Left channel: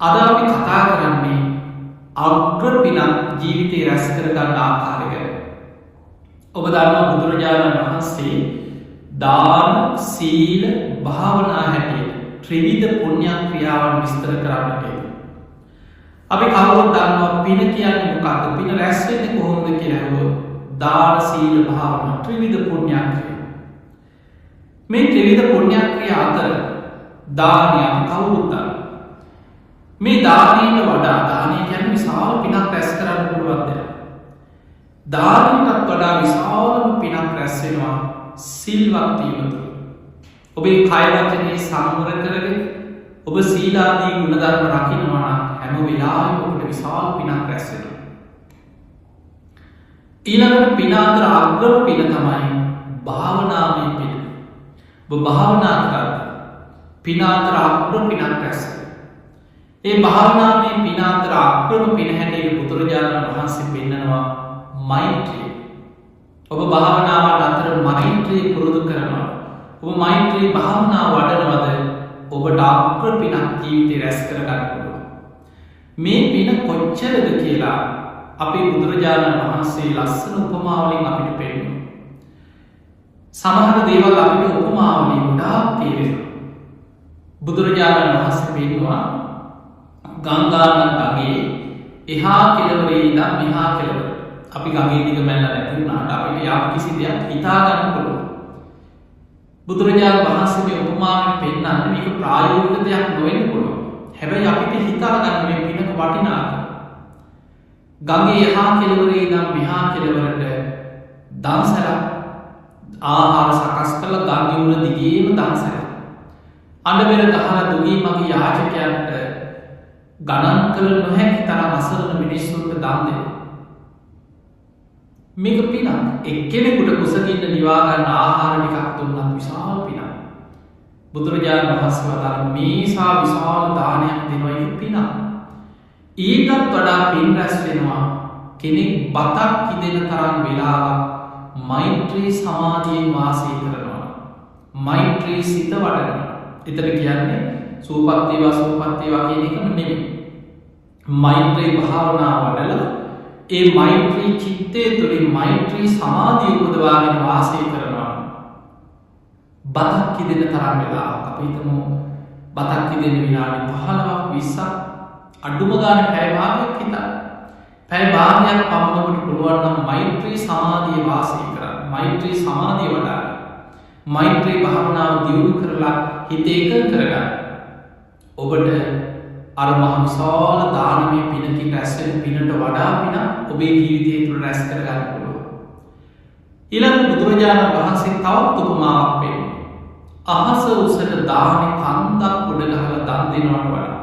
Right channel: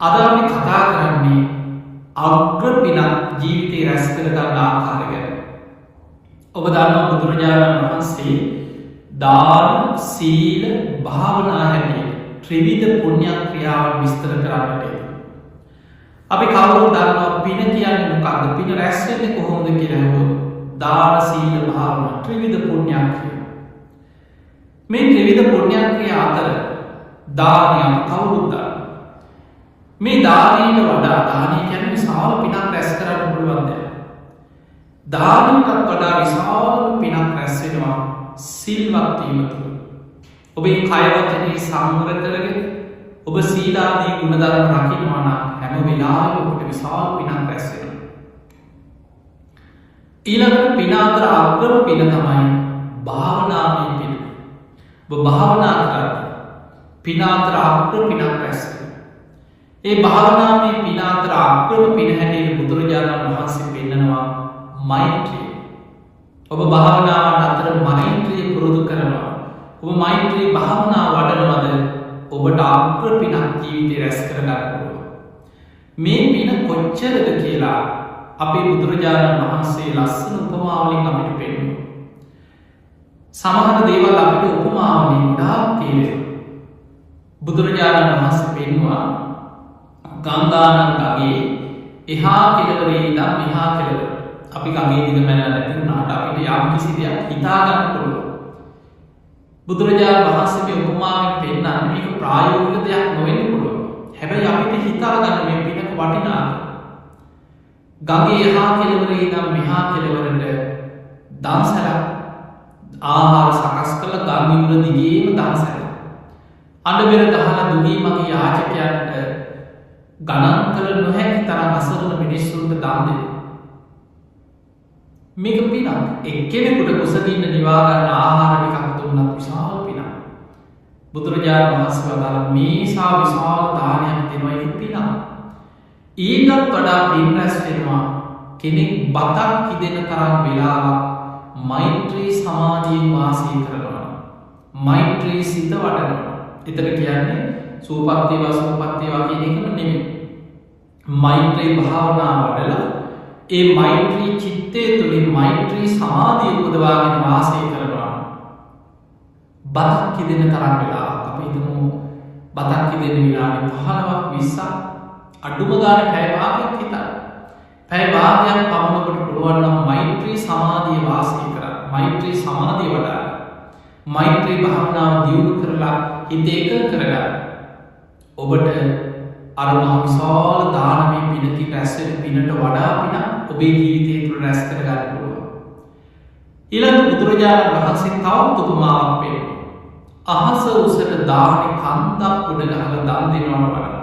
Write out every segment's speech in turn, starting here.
අද අපි කතා කරන්නේ අග්‍ර පිනක් ජීවිතේ රැස් කරගන්න ආකාරය ගැන. ඔබ දන්නවා බුදුරජාණන් වහන්සේ දාන, සීල, භාවනා හැටියට ත්‍රිවිධ පුණ්‍ය ක්‍රියාවන් විස්තර කරන්නට එනවා. අපි කවුරුත් දන්නවා පින කියන්නේ මොකක්ද? පින රැස් වෙන්නේ කොහොමද කියලා අහුවොත් දාන, සීල, භාවනා ත්‍රිවිධ පුණ්‍ය ක්‍රියා. මේ ත්‍රිවිධ පුණ්‍ය ක්‍රියා අතර දානය අපි කවුරුත් දන්නවා. මේ දානයට වඩා දානය කියන්නේ විශාල පිනක් රැස් කරන්න පුළුවන් දෙයක්. දානයටත් වඩා විශාලම පිනක් රැස් වෙනවා සිල්වත් වීම තුළ. ඔබේ කය වචනේ සංවර කරගෙන ඔබ සීලාදී ගුණධර්ම රකින්නවා නම් හැම වෙලාවෙම ඔබට විශාල පිනක් රැස් වෙනවා. ඊළඟට පින අතර අග්‍රම පින තමයි භාවනාමය පින. ඔබ භාවනා කරද්දී පින අතර අග්‍ර පිනක් රැස් වෙනවා. ඒ භාවනාමය පින අතර අග්‍රම පින හැටියට බුදුරජාණන් වහන්සේ පෙන්නනවා මෛත්‍රිය. ඔබ භාවනාවන් අතර මෛත්‍රිය පුරුදු කරනවා. ඔබ මෛත්‍රී භාවනාව වඩනවද ඔබට අග්‍ර පිනක් ජීවිතේ රැස් කරගන්න පුළුවන්. මේ පින කොච්චරද කියලා අපේ බුදුරජාණන් වහන්සේ ලස්සන උපමාවලින් අපිට පෙන්වනවා. සමහර දේවල් අපිට උපමාවලින් ගොඩාක් තේරෙනවා. බුදුරජාණන් වහන්සේ පෙන්වුවා ගංගානම් ගඟේ එහා කෙළවරේ ඉඳන් මෙහා කෙළවර. අපි ගඟේ දිග මැල්ල නැති වුණාට අපිට යම් කිසි දෙයක් හිතා ගන්න පුළුවන්. බුදුරජාණන් වහන්සේ මේ උපමාවෙන් පෙන්නන්නේ මේක ප්‍රායෝගික දෙයක් නොවෙන්න පුළුවන්. හැබැයි අපිට හිතා ගන්න මේ පිනක වටිනාකම. ගඟේ එහා කෙළවරේ ඉඳන් මෙහා කෙළවරට දන්සැලක් ආහාර සකස් කරලා ගඟ යුර දිගේම දන්සැල. අඬබෙර ගහලා දුගී මගේ යාචකයන්ට ගණන් කළ නොහැකි තරම් අසරණ මිනිස්සුන්ට දන් දෙනවා. මේක පිනක්. එක්කෙනෙකුට කුසගින්න නිවා ගන්න ආහාර ටිකක් දුන්නත් විශාල පිනක්. බුදුරජාණන් වහන්සේ වදාළ මේසා විශාල දානයක් දෙනවා ඒක පිනක්. ඊටත් වඩා පින් රැස් වෙනවා කෙනෙක් බතක් කිදෙන තරම් වෙලාවක් මෛත්‍රී සමාධියෙන් වාසය කරනවා. මෛත්‍රී සිත වඩනවා. එතන කියන්නේ සූපත් වේවා සූපත් වේවා කියන එකම නෙමෙයි. මෛත්‍රී භාවනා වඩලා ඒ මෛත්‍රී චිත්තය තුළින් මෛත්‍රී සමාධිය උපදවාගෙන වාසය කරනවා. බතක් කිදෙන තරම් වෙලා අප හිතමු බතක් කිදෙන විනාඩි 15ක් 20ක් අඩුම ගානේ පැය භාගයක් හිතන්න. පැය භාගයක් පමණ ඔබට පුළුවන් නම් මෛත්‍රී සමාධිය වාසය කරන්න. මෛත්‍රී සමාධිය වඩා මෛත්‍රී භාවනාව දියුණු කරලා හිත එකඟ කරගන්න. ඔබට අර මහ විශාල දානමය පිනකින් රැස් වෙන පිනට වඩා පිනක් ඔබේ ජීවිතය තුළ රැස් කරගන්න පුළුවන්. ඊළඟ බුදුරජාණන් වහන්සේ තවත් උපමාවක් පෙන්නනවා. අහස උසට දානේ කන්දක් උඩ ගහලා දන් දෙනවට වඩා.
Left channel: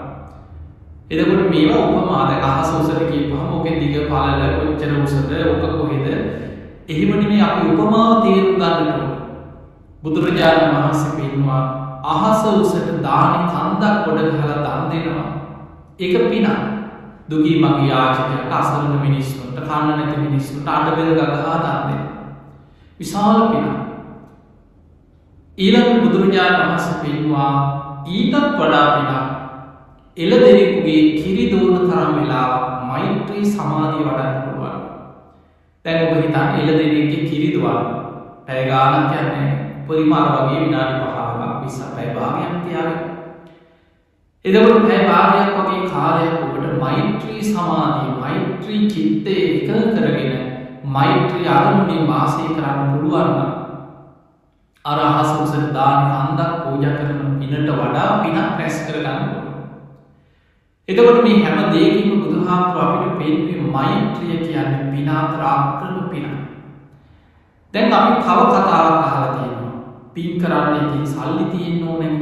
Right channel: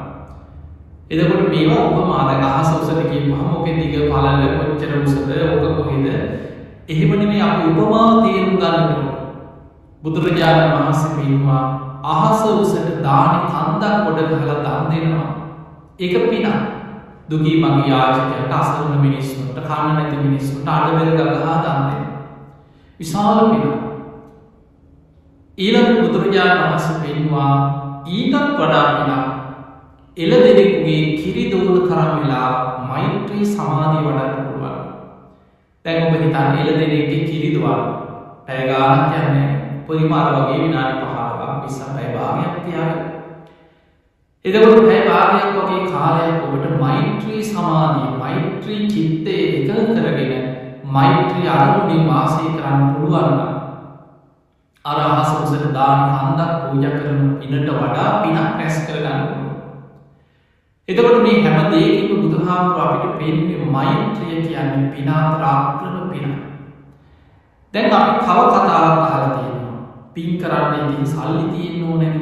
එතකොට මේවා උපමා. දැන් අහස උසට කියපුවම ඔකේ දිග පළල කොච්චර උසද ඔක කොහෙද? එහෙම නෙමෙයි අපි උපමාව තේරුම් ගන්නට ඕන. බුදුරජාණන් වහන්සේ පෙන්වුවා අහස උසට දානේ කන්දක් උඩ ගහලා දන් දෙනවා. ඒක පිනක්. දුගී මගේ යාචකයන්ට අසරණ මිනිස්සුන්ට කන්න නැති මිනිස්සුන්ට අඬබෙර ගගහා දන් දෙනවා. විශාල පිනක්. ඊළඟ බුදුරජාණන් වහන්සේ පෙන්වුවා ඊටත් වඩා පිනක් එළදෙනෙකුගේ කිරි දෝන තරම් වෙලාවක් මෛත්‍රී සමාධිය වඩන්න පුළුවන්. දැන් ඔබ හිතන්න එළදෙනෙක්ගේ කිරි දොවන්න පැය ගාණක් යන්නේ උපරිම අර වගේ විනාඩි 15ක් 20ක් පැය භාගයක් තියාගන්න. එතකොට පැය භාගයක් වගේ කාලයක් ඔබට මෛත්‍රී සමාධිය මෛත්‍රී චිත්තය එකඟ කරගෙන මෛත්‍රී අරමුණින් වාසය කරන්න පුළුවන් නම් අර අහස උසට දාන කන්දක් පූජා කරන පිනට වඩා පිනක් රැස් කරගන්න පුළුවන්. එතකොට මේ හැම දෙයකින්ම බුදුහාමුදුරුවෝ අපිට පෙන්වන්නේ මෛත්‍රිය කියන්නේ පින අතර අග්‍රම පිනක්. දැන් අපි තව කතාවක් අහලා තියෙනවා. පින් කරන්න ඉතින් සල්ලි තියෙන්න ඕනේ.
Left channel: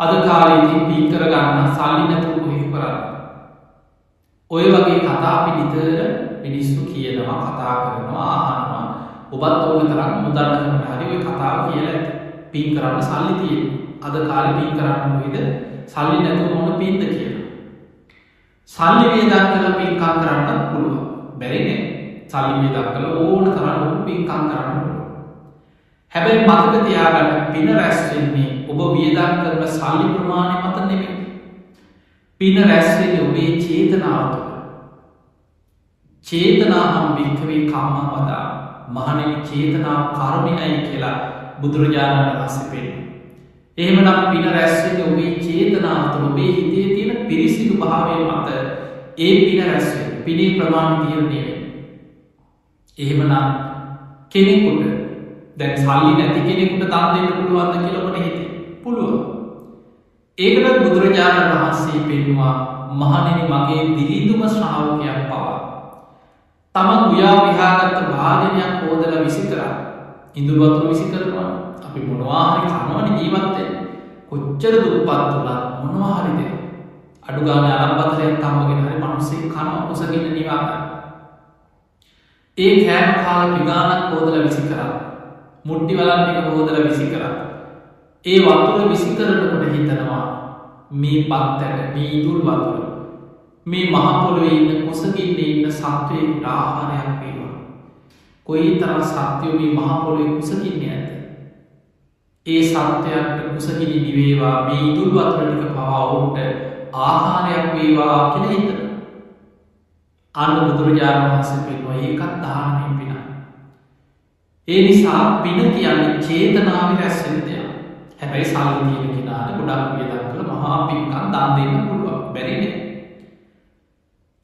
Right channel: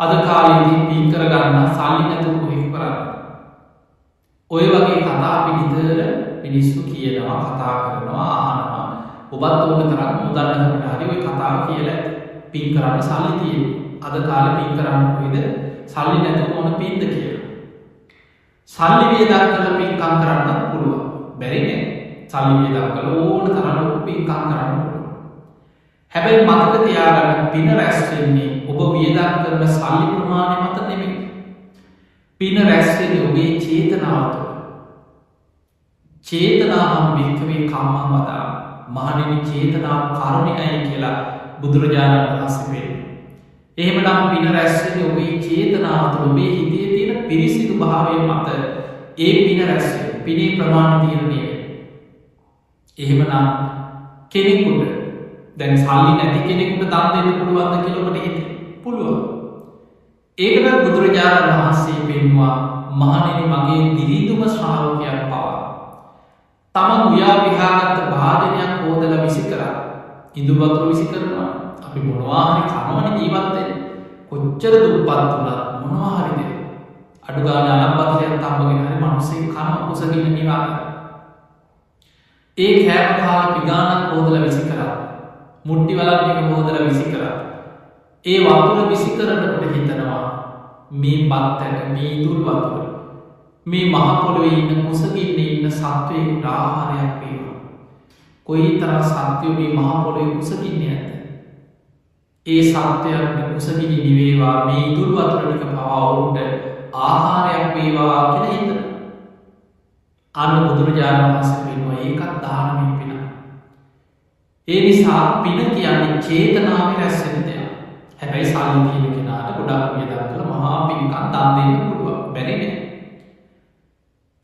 අද කාලේ ඉතින් පින් කරගන්න සල්ලි නැතුව කොහෙද කරන්නේ? ඔය වගේ කතා අපි නිතර මිනිස්සු කියනවා, කතා කරනවා, අහනවා. ඔබත් ඕන තරම් මුදල්නකට හරි ඔය කතාව කියලා ඇති. පින් කරන්න සල්ලි තියෙනවා. අද කාලේ පින් කරන්න කොහෙද? සල්ලි නැතුව මොන පින්ද කියලා. සල්ලි වියදම් කරලා පින්කම් කරන්නත් පුළුවන්. බැරි නෑ. සල්ලි වියදම් කරලා ඕන තරම් ලොකු පින්කම් කරන්න පුළුවන්. හැබැයි මතක තියාගන්න පින රැස් වෙන්නේ ඔබ වියදම් කරන සල්ලි ප්‍රමාණය මත නෙමෙයි. පින රැස් වෙන්නේ ඔබේ චේතනාව තුළ. චේතනාහම් භික්ඛවේ කම්මං වදාමි. මහණෙනි චේතනාව කර්මයයි කියලා බුදුරජාණන් වහන්සේ පෙන්නනවා. එහෙමනම් පින රැස් වෙන්නේ ඔබේ චේතනාව තුළ, ඔබේ හිතේ තියෙන පිරිසිදු භාවය මත ඒ පින රැස් වෙන්නේ. පිනේ ප්‍රමාණය තීරණය වෙන්නේ. එහෙමනම් කෙනෙකුට දැන් සල්ලි නැති කෙනෙකුට දන් දෙන්න පුළුවන්ද කියලා ඔබට හිතේ? පුළුවන්. ඒකටත් බුදුරජාණන් වහන්සේ පෙන්නවා මහණෙනි මගේ දිලිඳුම ශ්‍රාවකයක් පවා තමන් උයා පිහාගත්ත භාජනයක් හෝදලා විසි කරා. ඉඳුල් වතුර විසි කරනවා. අපි මොනවා හරි කනවනේ ජීවත් වෙන්නේ. කොච්චර දුප්පත් වුණත් මොනවා හරි දෙන්න. අඩු ගානේ අලම්පතරයක් තම්බගෙන හරි මිනිස්සෙක් කනවා කුසගින්න නිවා ගන්න. ඒ කෑම කාලා පිගානක් හෝදලා විසි කරා. මුට්ටි වලන් ටික හෝදලා විසි කරා. ඒ වතුර විසි කරනකොට හිතනවා මේ බත් ඇට, මේ ඉඳුල් වතුර මේ මහ පොළොවේ ඉන්න කුසගින්නේ ඉන්න සත්වයෙකුට ආහාරයක් වේවා. කොයිතරම් සත්වයෝ මේ මහ පොළොවේ කුසගින්නේ නැද්ද? ඒ සත්වයන්ට කුසගිනි නිවේවා, මේ ඉඳුල් වතුර ටික පවා ඔවුන්ට ආහාරයක් වේවා කියලා හිතනවා. අන්න බුදුරජාණන් වහන්සේ පෙන්වුවා ඒකත් දානමය පිනක්. ඒ නිසා පින කියන්නේ චේතනාවේ රැස් වෙන දෙයක්. හැබැයි සල්ලි තියෙන කෙනාට ගොඩක් වියදම් කළ මහා පින්කම් දන් දෙන්න පුළුවන්. බැරි නෑ.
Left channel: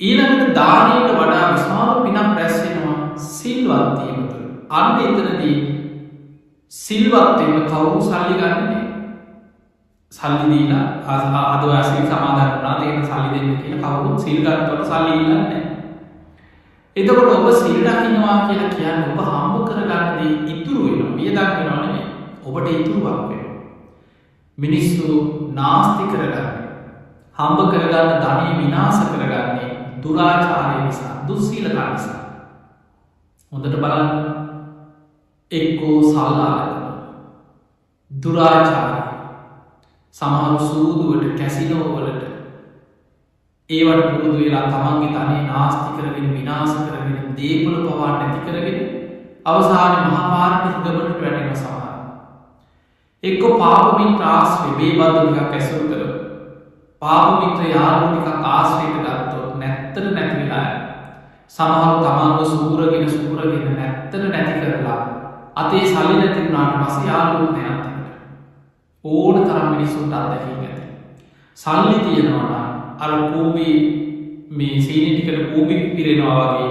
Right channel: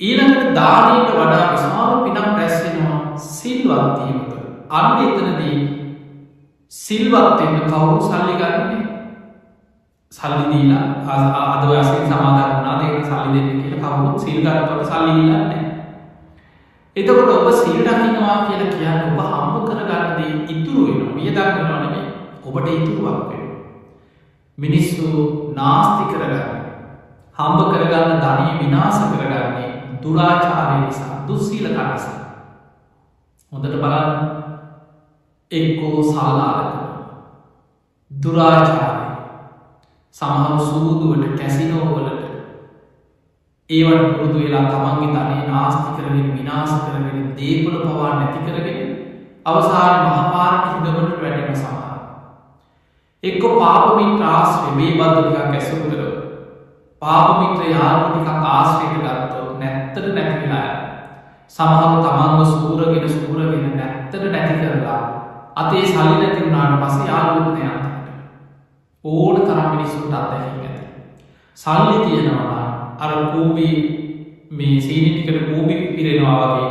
ඊළඟට දානයට වඩා විශාල පිනක් රැස් වෙනවා සිල්වත් වීම තුළ. අන්න එතනදී සිල්වත් වෙන්න කවුරු සල්ලි ගන්නේ නෑ. සල්ලි දීලා අද ඔය සිල් සමාදන් වුණා දෙන්න සල්ලි දෙන්න කියලා කවුරුත් සිල් ගන්නකොට සල්ලි ඉල්ලන්නේ නෑ. එතකොට ඔබ සිල් රකින්නවා කියලා කියන්නේ ඔබ හම්බ කරගන්න දේ ඉතුරු වෙනවා. වියදම් වෙනවා නෙමෙයි. ඔබට ඉතුරුවක් වෙනවා. මිනිස්සු නාස්ති කරගන්නේ, හම්බ කරගන්න ධනය විනාශ කරගන්නේ දුරාචාරය නිසා, දුස්සීලකම් නිසා. හොඳට බලන්න. එක්කෝ සල්ලාලකම, දුරාචාරය, සමහරු සූදුවට, කැසිනෝවලට ඒවට පුරුදු වෙලා තමන්ගේ ධනය නාස්ති කරගෙන විනාශ කරගෙන දේපොළ පවා නැති කරගෙන අවසානයේ මහපාරට හිඟමනට වැටෙන සමහර. එක්ක පාප මිත්‍ර ආශ්‍රය බේබද්ද ටිකක් ඇසුරු කරව. පාප මිත්‍ර යාළුවෝ ටිකක් ආශ්‍රයට ගත්තොත් නැත්තට නැති වෙලා යනවා. සමහරව තමන්ව සූරගෙන නැත්තට නැති කරලා අතේ සල්ලි නැති වුණාට පස්සේ යාළුවොත් නෑ අන්තිමට. ඕන තරම් මිනිස්සුන්ට අත්දැකීම් ඇති. සල්ලි තියෙනවා නම් අර කූඹි මේ සීනි ටිකට කූඹි පිරෙනවා වගේ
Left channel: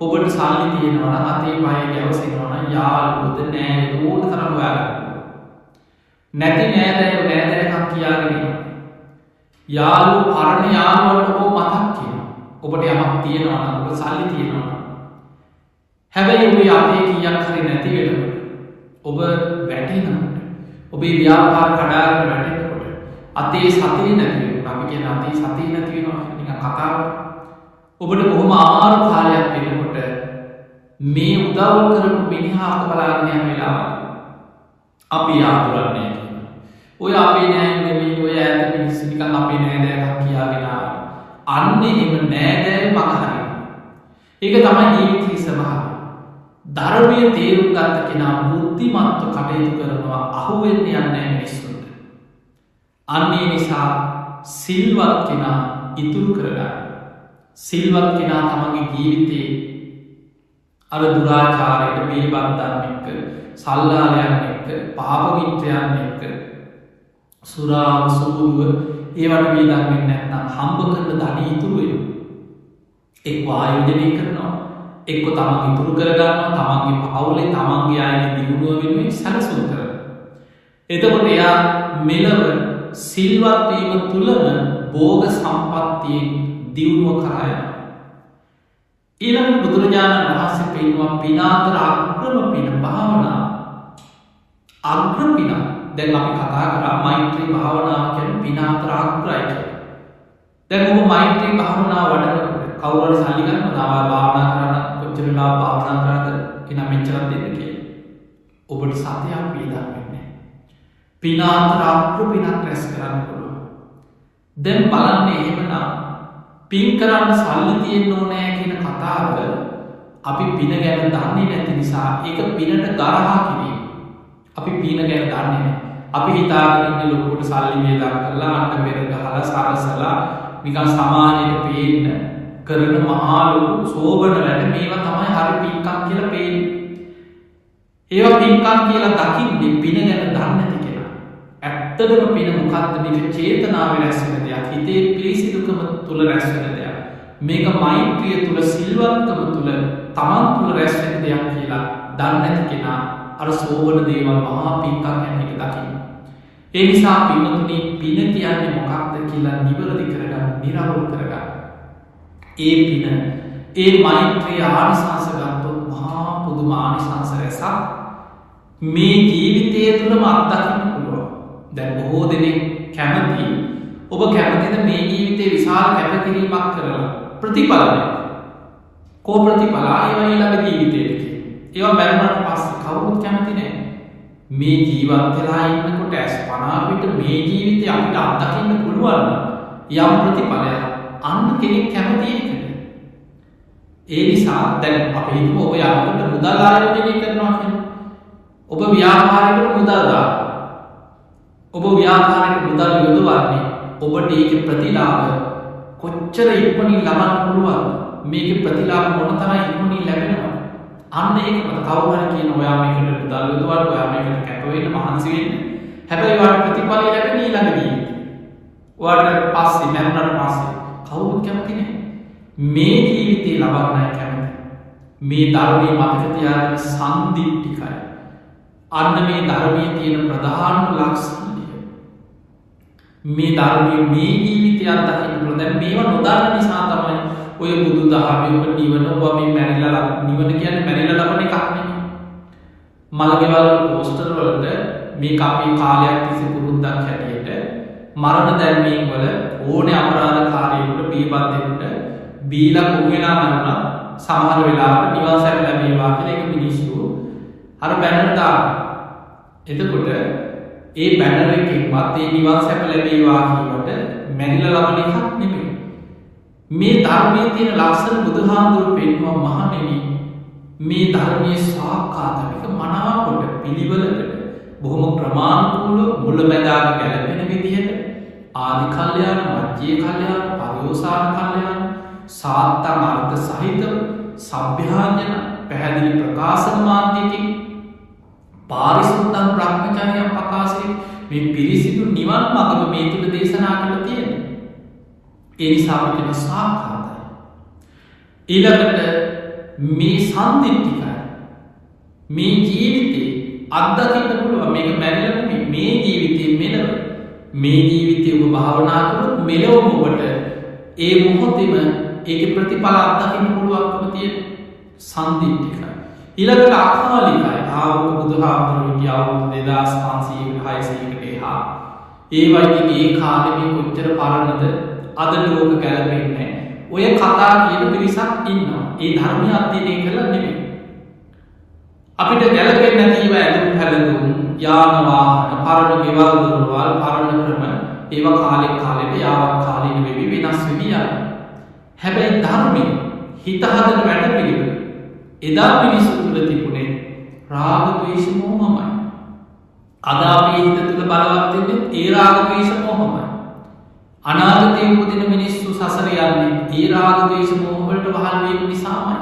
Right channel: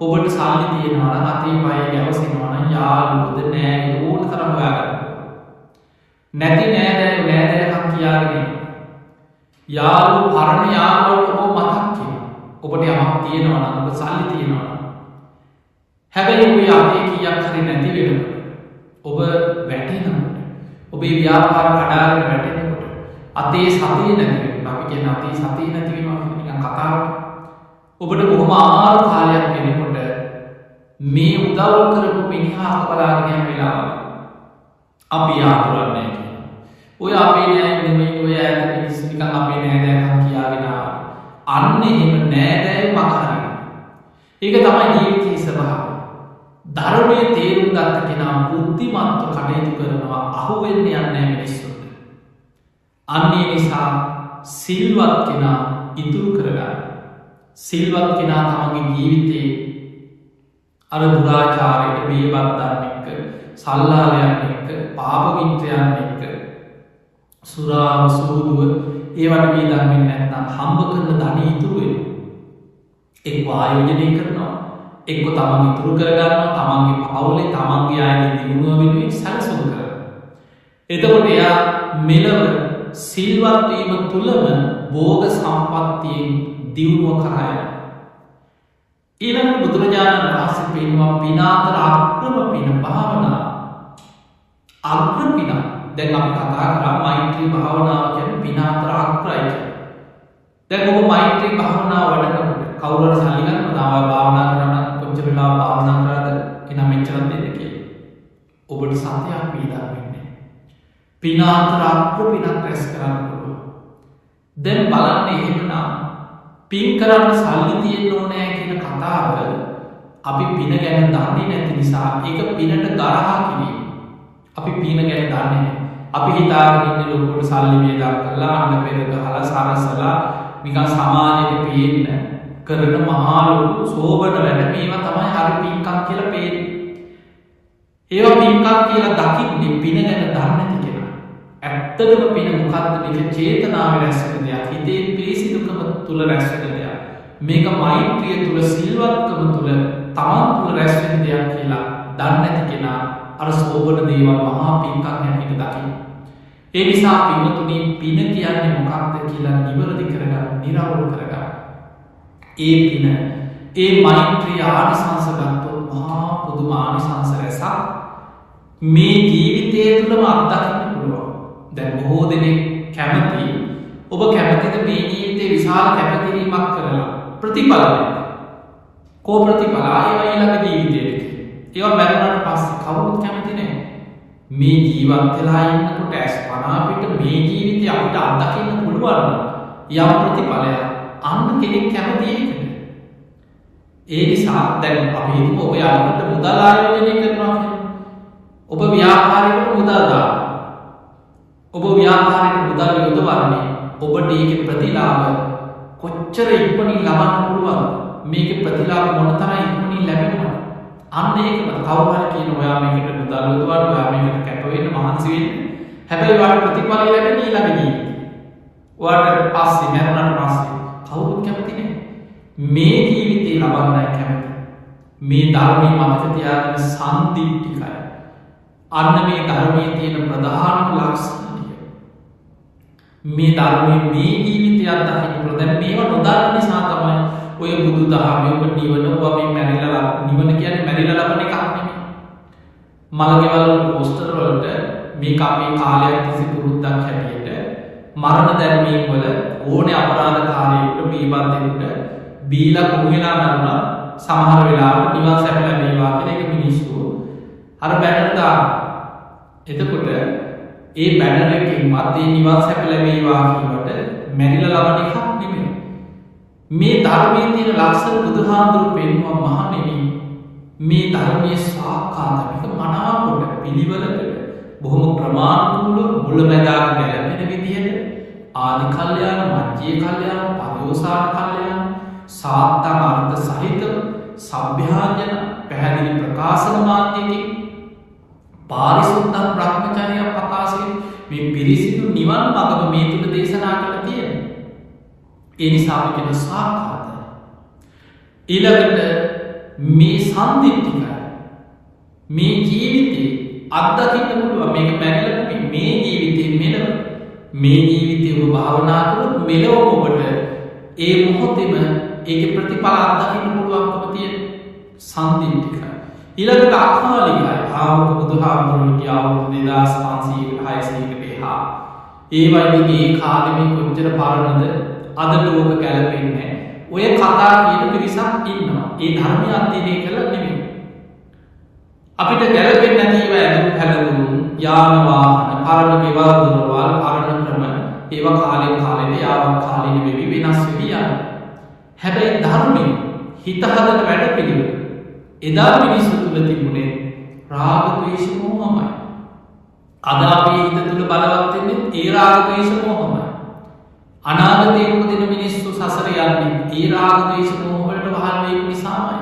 ඔබට සල්ලි තියෙනවා නම් අතේ පය ගැවසෙනවා නම් යාළුවෝද නෑයෝද ඕන තරම් හොයාගන්න. නැති නෑදෑයකම් කියාගෙන යාළුවෝ පරණ යාළුවන්ට ඔබ මතක් කියනවා. ඔබට යමක් තියෙනවා නම් ඔබ සල්ලි තියෙනවා නම් හැබැයි ඔබේ අතේ කීයක් හරි නැති වෙනකොට ඔබ වැටෙනකොට ඔබේ ව්‍යාපාර කඩාගෙන වැටෙනකොට අතේ සතිය නැති වෙනකොට අපි කියන අතේ සතිය නැති වෙනවා කියන නිකන් කතාවට ඔබට බොහොම අමාරු කාලයක් වෙනකොට මේ උදව් කරපු මිනිහා අක බලාගෙන යන වෙලාවක අපි ආතුරන්නේ කියනවා. ඔය අපේ නෑයෝ නෙමෙයි ඔය ඈත මිනිස්සු නිකන් අපේ නෑදෑකම් කියාගෙන ආවා. අන්න එහෙම නෑදෑයෝ මග හරිනවා. ඒක තමයි ජීවිතයේ ස්වභාවය. ධර්මයේ තේරුම් ගත්ත කෙනා බුද්ධිමත්ව කටයුතු කරනවා, අහුවෙන්න යන්නේ නැහැ මිනිස්සුන්ට. අන්න ඒ නිසා සිල්වත් කෙනා ඉතුරු කරගන්න. සිල්වත් කෙනා තමන්ගේ ජීවිතේ අර දුරාචාරයට බේබද්දන් එක්ක, සල්ලාලයන් එක්ක, පාප මිත්‍රයන් එක්ක, සුරාව සූදුව ඒවට වේදන් වෙන්නේ නැත්නම් හම්බ කරන ධනෙ ඉතුරු වෙනවා. එක්ක ආයෝජනය කරනවා, එක්ක තමන් ඉතුරු කරගන්නවා, තමන්ගේ පවුලේ තමන්ගේ අයගේ දියුණුව වෙනුවෙන් සැලසුම් කරනවා. එතකොට එයා මෙලව සිල්වත් වීම තුලම භෝග සම්පත්තියෙන් දියුණුව කරා යනවා. ඊළඟට බුදුරජාණන් වහන්සේ පෙන්වුවා පින අතර අග්‍රම පින භාවනාව. අග්‍ර පින. දැන් අපි කතා කරා මෛත්‍රී භාවනාව කියන්නේ පින අතර අග්‍රයි කියලා. දැන් ඔබ මෛත්‍රී භාවනාව වඩනකොට කවුරු හරි සල්ලි ගන්නවද? ආවා භාවනා කරන්න කොච්චර වෙලා භාවනා කරාද? එනම් මෙච්චරක් දෙන්න කියලා. ඔබට සතයක් වේදන් වෙන්නේ. පින අතර අග්‍ර පිනක් රැස් කරන්න පුළුවන්. දැන් බලන්න එහෙමනම් පින් කරන්න සල්ලි තියෙන්න ඕනෑ කියන කතාව අපි පින ගැන දන්නේ නැති නිසා ඒක පිනට ගරහා කිරීම. අපි පින ගැන දන්නේ නැහැ. අපි හිතාගෙන ඉන්නේ ලොකුවට සල්ලි වියදම් කරලා අන්න පෙර ගහලා සරසලා නිකන් සමාජයට පේන්න කරන මහා ලොකු සෝබන වැඩ මේවා තමයි හරි පින්කම් කියලා පේන්නේ. ඒවා පින්කම් කියලා දකින්නේ පින ගැන දන්නේ නැති කෙනා. ඇත්තටම පින මොකද්ද? මේක චේතනාවේ රැස් වෙන දෙයක්. හිතේ පිරිසිදුකම තුල රැස් වෙන දෙයක්. මේක මෛත්‍රිය තුල සිල්වත්කම තුල තමන් තුල රැස් වෙන දෙයක් කියලා දන්නේ නැති කෙනා අර සෝබන දේවල් මහා පින්කම් හැටියට දකින්න. ඒ නිසා පින්තුනි පින කියන්නේ මොකක්ද කියලා නිවැරදි කරගන්න, නිරවුල් කරගන්න. ඒ පින, ඒ මෛත්‍රී ආනිසංස ගත්තොත් මහා පුදුම ආනිසංස රැසක් මේ ජීවිතය තුළම අත්දකින්න පුළුවන්. දැන් බොහෝ දෙනෙක් කැමති, ඔබ කැමතිද මේ ජීවිතේ විශාල කැපකිරීමක් කරලා ප්‍රතිඵල දෙන්න? කෝ ප්‍රතිඵල? ඒවා ඊළඟ ජීවිතේට. ඒවා මැරුණාට පස්සේ කවුරුත් කැමති නැහැ. මේ ජීවත් වෙලා ඉන්නකොට ඇස් පනාපිට මේ ජීවිතේ අපිට අත්දකින්න පුළුවන් නම් යම් ප්‍රතිඵලයක්, අන්න කෙනෙක් කැමති ඒකට. ඒ නිසා දැන් අපි හිතමු ඔබ යමකට මුදල් ආයෝජනය කරනවා කියලා. ඔබ ව්‍යාපාරයකට මුදල් දානවා. ඔබ ව්‍යාපාරයට මුදල් යොදවන්නේ ඔබට ඒකේ ප්‍රතිලාභ කොච්චර ඉක්මනින් ලබන්න පුළුවන්ද? මේකේ ප්‍රතිලාභ මොන තරම් ඉක්මනින් ලැබෙනවද? අන්න ඒකම කවුරු හරි කියන ඔයා මේකට මුදල් යොදවන්න, ඔයා මේකට කැප වෙන්න, මහන්සි වෙන්න. හැබැයි ඔයාට ප්‍රතිඵලය ලැබෙන්නේ ඊළඟ ජීවිතේ. ඔයාට පස්සේ මරුණාට පස්සේ කවුරුත් කැමති නැහැ. මේ ජීවිතේ ලබන්නයි කැමති. මේ ධර්මයේ මතක තියාගන්න සම්දිට්ඨිකයි. අන්න මේ ධර්මයේ තියෙන ප්‍රධාන ලක්ෂණය. මේ ධර්මයේ මේ ජීවිතයක් දකින්න පුළුවන්. දැන් මේවා නොදන්න නිසා තමයි ඔය බුදු දහමේ ඔබ නිවන ඔබ මේ මැරිලා නිවන කියන්නේ මැරිලා ලබන එකක් නෙමෙයි. මලගෙවල් පෝස්ටර් වලට මේක අපේ කාලයක් තිස්සේ පුරුද්දක් හැටියට මරණ දැන්වීම් වල ඕනේ අපරාධකාරයෙකුට බීබද්දෙකුට බීලා කුණු වෙලා මරුණා සමහර වෙලාවට නිවන් සැප ලැබේවා කියලා ඒක මිනිස්සු අර බැනර් දානවා. එතකොට ඒ බැනර් එකෙන්වත් ඒ නිවන් සැප ලැබේවා කියවට මැරිලා ලබන එකක් නෙමෙයි. මේ ධර්මයේ තියෙන ලක්ෂණ බුදුහාඳුරු පෙන්වුවා මහණෙනි. මේ ධර්මයේ සාක්කාතමික මනාකොට පිළිවෙලකට බොහොම ක්‍රමානුකූලව මුලැමැදාග ගැලපෙන විදිහට ආදි කල්යාණ, මධ්‍ය කල්යාණ, පරිෝසాన කල්යාණ, සාත්තම් අර්ථ සහිතව සભ્યાඥන පැහැදිලි ප්‍රකාශන මාධ්‍යකින් පාරිසුද්ධම් බ්‍රහ්මචර්යම් ප්‍රකාශයෙන් මේ පිරිසිදු නිවන් මඟම මේ තුල දේශනා කළා තියෙනවා. ඒ නිසා අපි කියන සාක්කාතයි. ඊළඟට මේ සම්දිට්ඨිකයි. මේ ජීවිතේ අත්දකින්න පුළුවන්. මේක මැරිලා නෙමෙයි. මේ ජීවිතේ මෙලව. මේ ජීවිතේ ඔබ භාවනා කරොත් මෙලවම ඔබට ඒ මොහොතේම ඒකේ ප්‍රතිඵල අත්දකින්න පුළුවන්කම තියෙන සම්දිට්ඨිකයි. ඊළඟට අකාලිකයි. ආවක බුදුහාමුදුරුවෝ හිටියා අවුරුදු 2500කට 600කට එහා. ඒ වගේ ඒ කාලෙ මේ කොච්චර පරණද අදට ඕක ගැලපෙන්නේ. ඔය කතා කියන පිරිසක් ඉන්නවා. ඒ ධර්මය අධ්‍යයනය කළා නෙමෙයි. අපිට ගැලපෙන්නේ නැති ඒවා ඇඳුම් පැළඳුම්, යාන වාහන, පරණ ගෙවල් දොරවල්, පරණ ක්‍රම ඒවා කාලෙන් කාලෙට යාවත් කාලීන වෙවි වෙනස් වෙවි යනවා. හැබැයි ධර්මයේ හිත හදන වැඩ පිළිවෙල එදා මිනිස්සු තුල තිබුණේ රාග ද්වේෂ මෝහමයි. අද අපේ හිත තුල බලවත් වෙන්නේ ඒ රාග ද්වේෂ මෝහමයි. අනාගතයේ උපදින මිනිස්සු සසර යන්නේ ඒ රාග ද්වේෂ මෝහ වලට වහල් වීම නිසාමයි.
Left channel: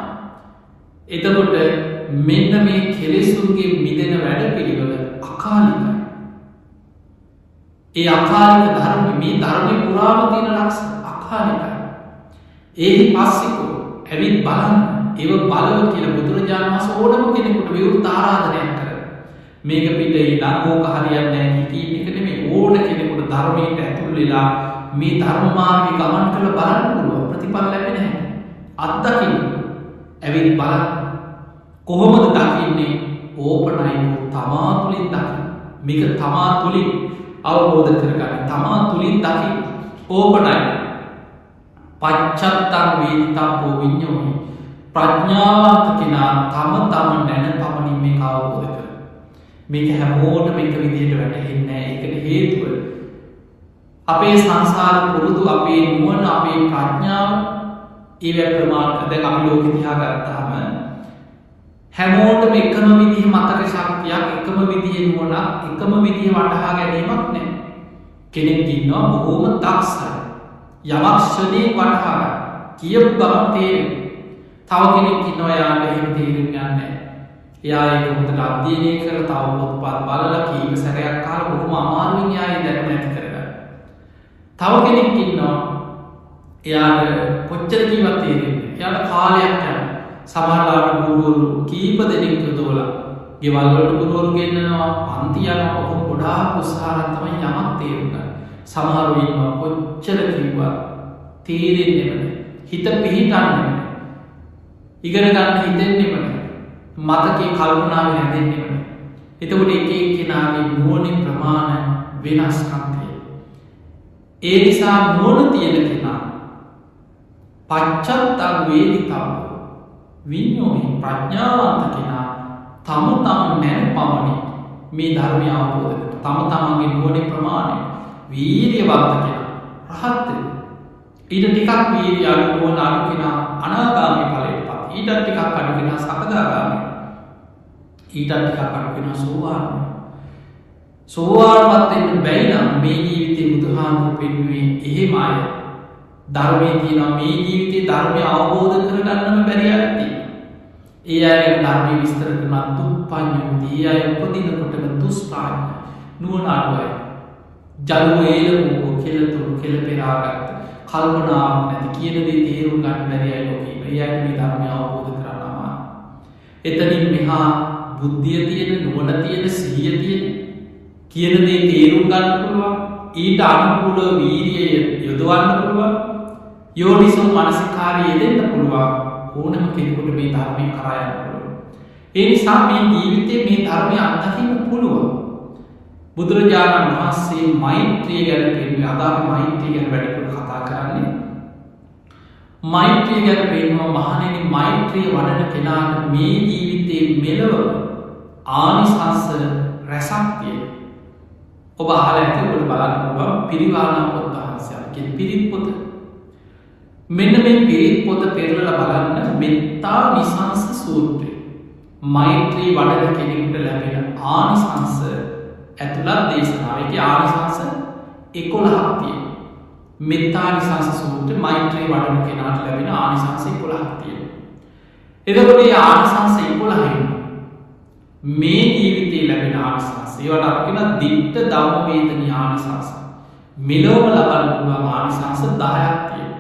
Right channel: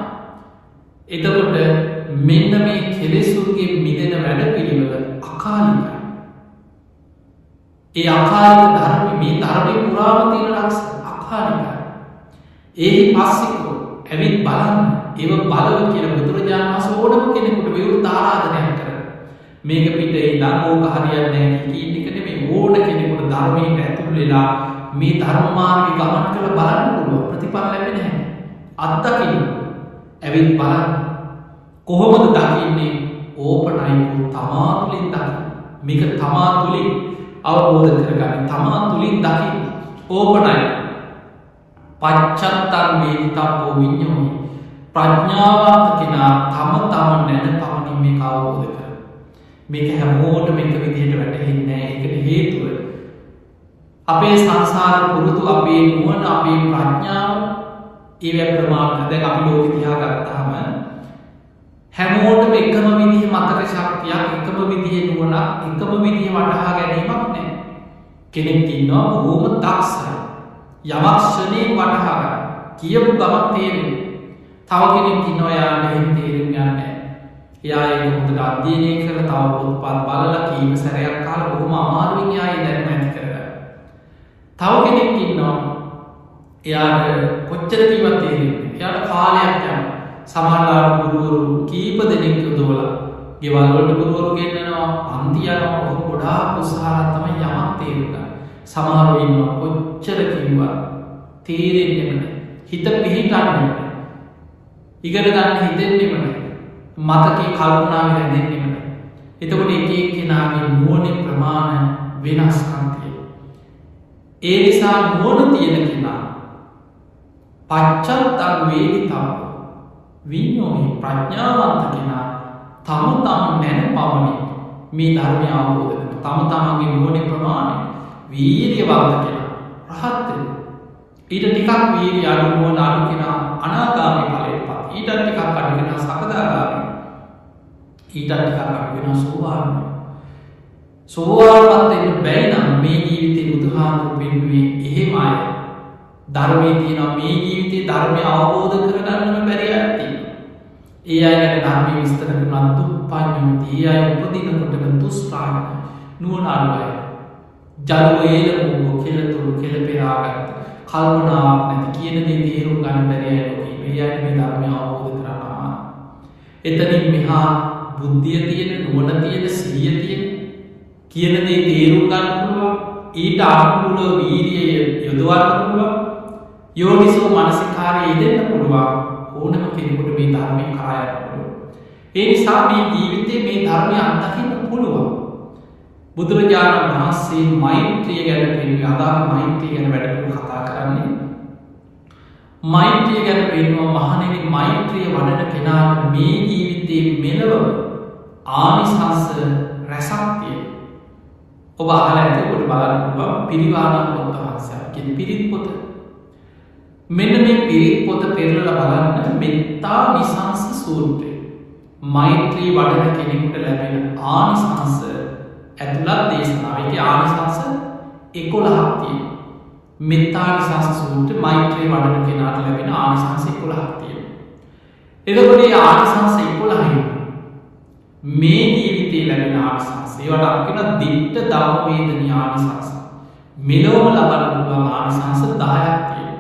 එතකොට මෙන්න මේ කෙලෙසුන්ගේ මිදෙන වැඩ පිළිවෙල අකාලිකයි. ඒ අකාලික ධර්ම මේ ධර්මයේ පුරාම තියෙන ලක්ෂණ අකාලිකයි. ඒහි පස්සිකෝ ඇවිත් බලන්න ඒව බලව කියලා බුදුරජාණන් වහන්සේ ඕනම කෙනෙකුට විවෘත ආරාධනයක් කරනවා. මේක පිට ඉඳන් ඕක හරියන්නේ නැහැ කියන එක නෙමෙයි. ඕන කෙනෙකුට ධර්මයට ඇතුල් වෙලා මේ ධර්ම මාර්ගේ ගමන් කරලා බලන්න පුළුවන්. ප්‍රතිඵල ලැබෙන්නේ නැහැ. අත්දකින්න. ඇවිත් බලන්න. කොහොමද දකින්නේ? ඕපනයිකෝ තමා තුලින් දකින්න. මේක තමා තුලින් අවබෝධ කරගන්න. තමා තුලින් දකින්න. ඕපනයිකෝ පච්චත්තං වේදිතබ්බෝ විඤ්ඤෝහි. ප්‍රඥාවන්ත කෙනා තම නැන පමණින් මේක අවබෝධ කරගන්න. මේක හැමෝටම එක විදිහට වැටහෙන්නේ නැහැ. ඒකට හේතුව අපේ සංසාර පුරුදු, අපේ නුවණ, අපේ ප්‍රඥාව ඒව ප්‍රමාණ. දැන් අපි ලෝකෙ දිහා ගත්තාම හැමෝටම එකම විදිහේ මතක ශක්තියක්, එකම විදිහේ නුවණක්, එකම විදිහේ වටහා ගැනීමක් නැහැ. කෙනෙක් ඉන්නවා බොහෝම දක්ෂයි. යමක් ෂණයෙන් වටහා ගන්න. කියපු ගමන් තේරෙන්නේ. තව කෙනෙක් ඉන්නවා යාට එහෙම තේරුම් යන්නේ නැහැ. එයා ඒක හොඳට අධ්‍යයනය කරලා තව පොත්පත් බලලා කීප සැරයක් අහලා බොහොම අමාරුවෙන් එයා ඒ දැනුම ඇති කරගන්නවා. තව කෙනෙක් ඉන්නවා එයාට කොච්චර කීවත් තේරෙන්නේ නැහැ. එයාට කාලයක් යනවා. සමහරවිට ගුරුවරු කීප දෙනෙක් යොදවලා ගෙවල් වලට ගුරුවරු ගෙන්නනවා, පන්ති යනවා, ඔහොම ගොඩාක් උත්සාහයෙන් තමයි යමක් තේරුම් ගන්න. සමහරව ඉන්නවා කොච්චර කිව්වත් තේරෙන්නේම නැහැ. හිත පිහිටන්නේම නැහැ. ඉගෙන ගන්න හිතෙන්නේම නැහැ. මතකේ කල්පනාවේ රැඳෙන්නේම නැහැ. එතකොට එක එක්කෙනාගේ නුවණේ ප්‍රමාණ වෙනස්කම් තියෙනවා. ඒ නිසා නුවණ තියෙන කෙනා පච්චත්තං වේදිතබ්බෝ විඤ්ඤෝහි ප්‍රඥාවන්ත කෙනා තම නැන පමණින් මේ ධර්මය අවබෝධ කරනවා. තමන්ගේ නුවණේ ප්‍රමාණය වීරියවන්ත කෙනා රහත් වෙනවා. ඊට ටිකක් වීරිය අඩු නුවණ අඩු කෙනා අනාගාමී ඵලයටපත්. ඊට ටිකක් අඩු කෙනා සකදාගාමී. ඊට ටිකක් අඩු කෙනා සෝවාන්. සෝවාන්වත් වෙන්න බැයි නම් මේ ජීවිතේ බුදුහාමුදුරු පෙන්වුවේ එහෙම අය. ධර්මයේ තියෙන මේ ජීවිතේ ධර්මය අවබෝධ කරගන්නම බැරි අය තියෙනවා. ඒ අය ගැන ධර්මයේ විස්තර කරන දුප්පඤ්ඤෝති. ඒ අය උපදිනකොටම දුෂ්ප්‍රඥ නුවණ අඩු අය. ජලෝ ඒලමෝ කෙලතුරු කෙලපෙරාගත්ත කල්පනාවක් නැති කියන දේ තේරුම් ගන්න බැරි අය ලෝකේ ඉන්නවා. ඒ අයට මේ ධර්මය අවබෝධ කරගන්න අමාරුයි. එතනින් මෙහා බුද්ධිය තියෙන, නුවණ තියෙන, සිහිය තියෙන කියන දේ තේරුම් ගන්න පුළුවන්. ඊට අනුකූලව වීරිය යොදවන්න පුළුවන්. යෝනිසෝ මනසිකාරය යෙදෙන්න පුළුවන්. ඕනම කෙනෙකුට මේ ධර්මයෙන් කරා යන්න පුළුවන්. ඒ නිසා මේ ජීවිතේ මේ ධර්මය අත්දකින්න පුළුවන්. බුදුරජාණන් වහන්සේ මෛත්‍රිය ගැන පෙන්වුවේ. අද අපි මෛත්‍රිය ගැන වැඩිපුර කතා කරන්නේ. මෛත්‍රිය ගැන පෙන්වුවා මහණෙනි මෛත්‍රිය වඩන කෙනාට මේ ජීවිතේ මෙලොව ආනිසංස රැසක් තියෙනවා. ඔබ අහලා ඇති ඔබට බලන්න පුළුවන් පිරිවානා පොත් වහන්සේගේ පිරිත් පොත. මෙන්න මේ පිරිත් පොත පෙරලලා බලන්න මෙත්තා නිසංස සූත්‍රය. මෛත්‍රී වඩන කෙනෙකුට ලැබෙන ආනිසංස ඇතුළත් දේශනාව. ඒකේ ආනිසංස 11ක් තියෙනවා. මෙත්තා නිසංස සූත්‍රය මෛත්‍රී වඩන කෙනාට ලැබෙන ආනිසංස 11ක් තියෙනවා. එතකොට මේ ආනිසංස 11න් මේ ජීවිතේ ලැබෙන ආනිසංස ඒවට අපි කියන දිට්ඨ ධම්ම වේදනී ආනිසංස. මෙලොවම ලබන්න පුළුවන් ආනිසංස 10ක් තියෙනවා.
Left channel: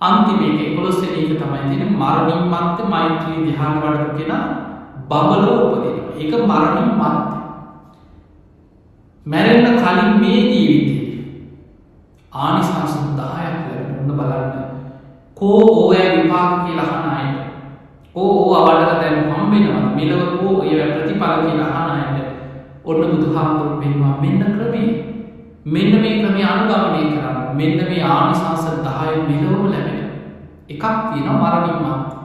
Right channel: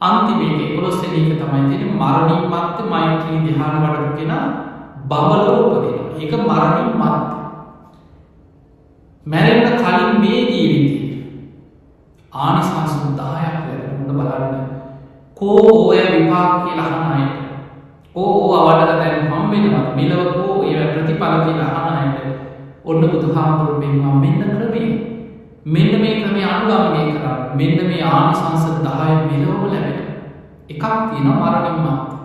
අන්තිම එක 11 වෙනි එක තමයි තියෙන්නේ මරණින් මත්තේ මෛත්‍රී ධ්‍යාන වඩපු කෙනා බඹලව උපදිනවා. ඒක මරණින් මත්තේ. මැරෙන්න කලින් මේ ජීවිතේ ආනිසංස 10ක් ලැබෙන උන්න බලන්න. කෝ ඕය විපාක කියලා අහන අයට ඕ වඩලා දැන් හම්බෙනවද මෙලව කෝ ඒ ප්‍රතිඵල කියලා අහන අයට ඔන්න බුදුහාමුදුරුවෝ පෙන්වුවා මෙන්න ක්‍රමය. මෙන්න මේ ක්‍රමය අනුගමනය කරන්න. මෙන්න මේ ආනිසංස 10 මෙලොවම ලැබෙන එකක් තියෙනවා මරණින් මත්තේ